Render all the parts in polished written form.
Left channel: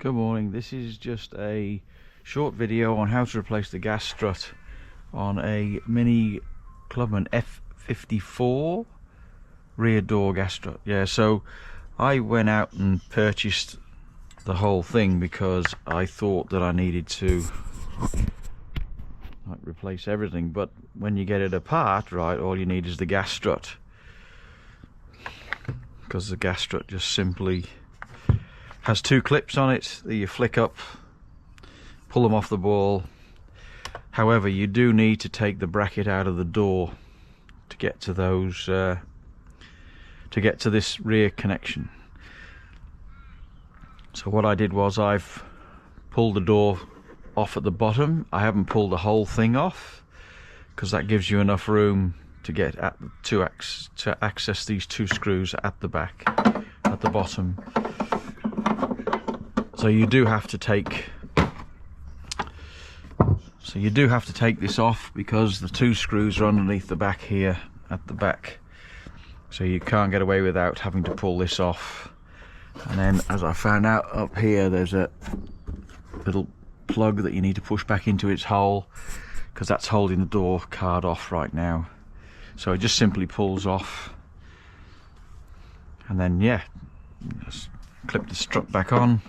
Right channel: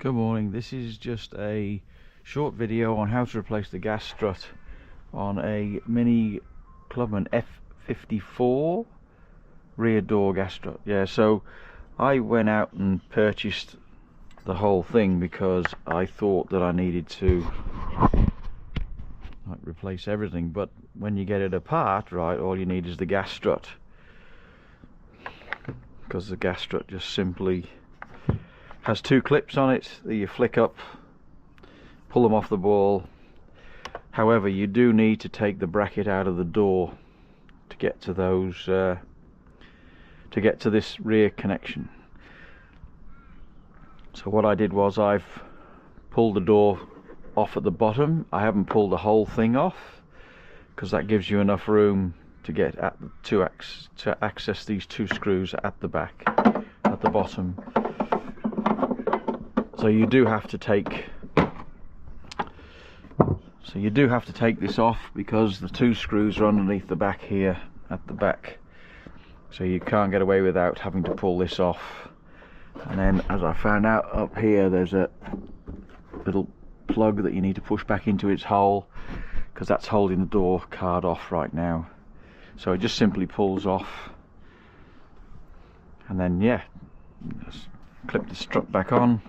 Good morning. This is just a short video on how to replace the gas strut on a Mini Clubman F54 rear door gas strut. Yeah, so I went out and purchased the whole thing because I thought that I needed to replace everything, but when you get it apart, right, all you need is the gas strut, because the gas strut just simply has two clips on it that you flick up, pull them off the ball. However, you do need to take the bracket out of the door to get to those to get to this rear connection. So what I did was I've pulled the door off at the bottom. I haven't pulled the whole thing off because that gives you enough room to get at to access these two screws at the back, at the bottom. So you do have to take this off because the two screws are underneath the back here at the back. So you can't get away without having to pull this off. And then, as I found out, up here there's a little plug that you need to push back into its hole, because that's holding the door card off right now. So it just simply pulls off, and then yeah, just clip the strut back on,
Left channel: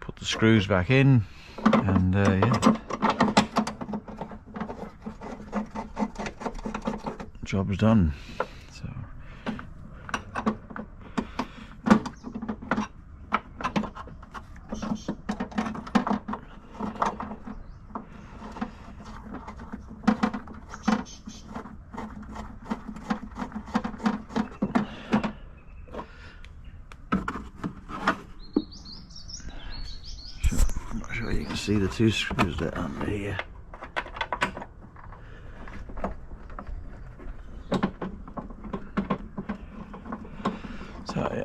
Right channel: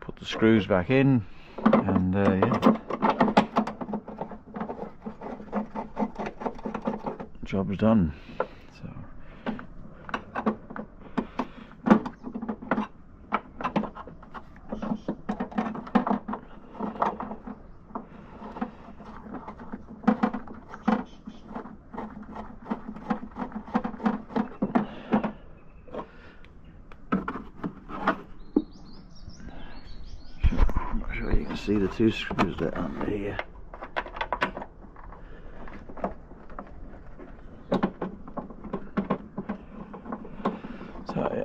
put the screws back in, and yeah, job's done. So you can see the two screws that are under here. So yeah.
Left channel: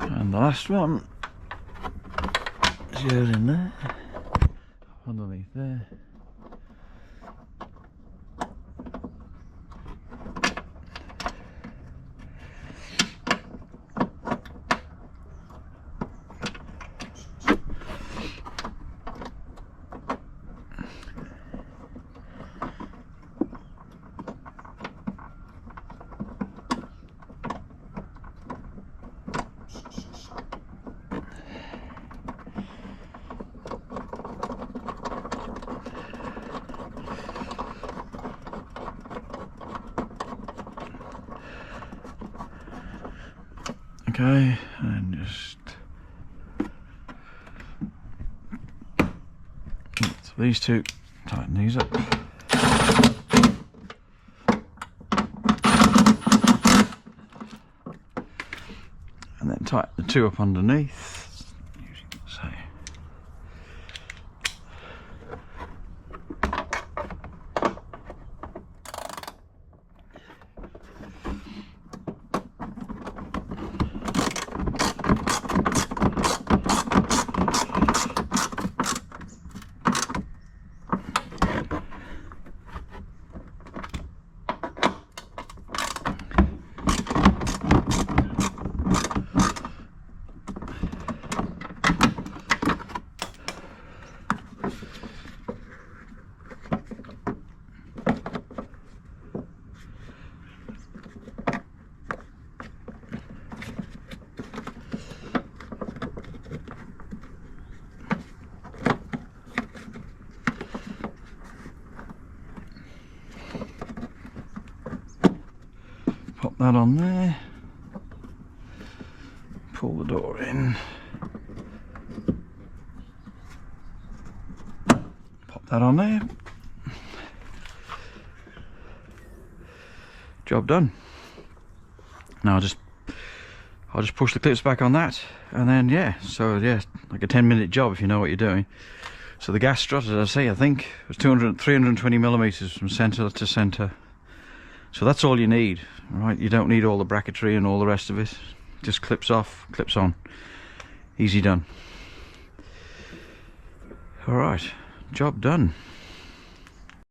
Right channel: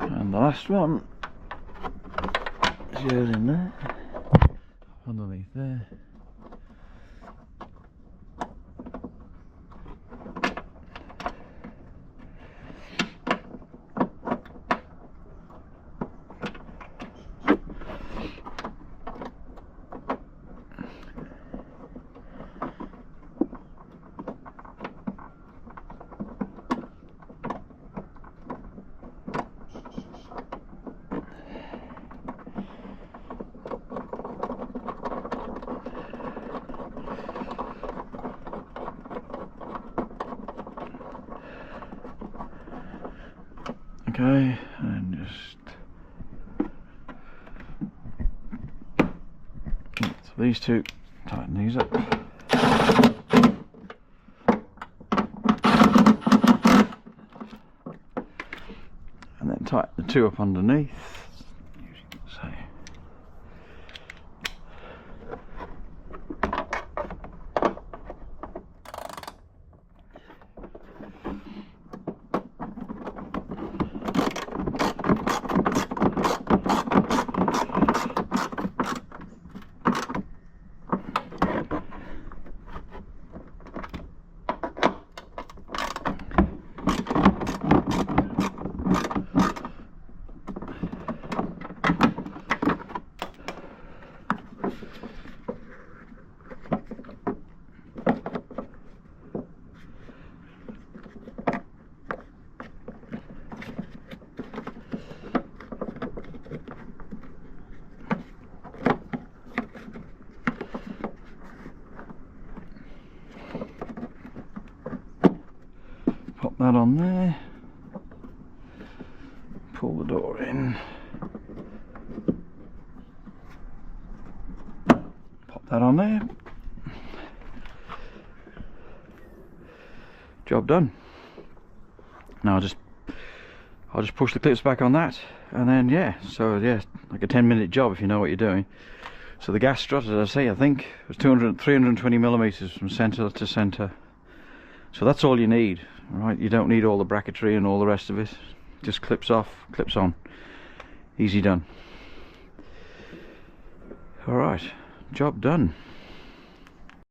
And the last one is goes in there, underneath there. Okay, and just so these two, tighten these up. And then tighten the two up underneath. Pop that on there, pull the door in, pop that on there, job done. Now I'll just push the clips back on that, and then yeah, so yeah, like a 10-minute job if you know what you're doing. So the gas strut, as I say, I think it was 320 millimeters from center to center. So that's all you need, right? You don't need all the bracketry and all the rest of it. Just clips off, clips on. Easy done. All right, job done.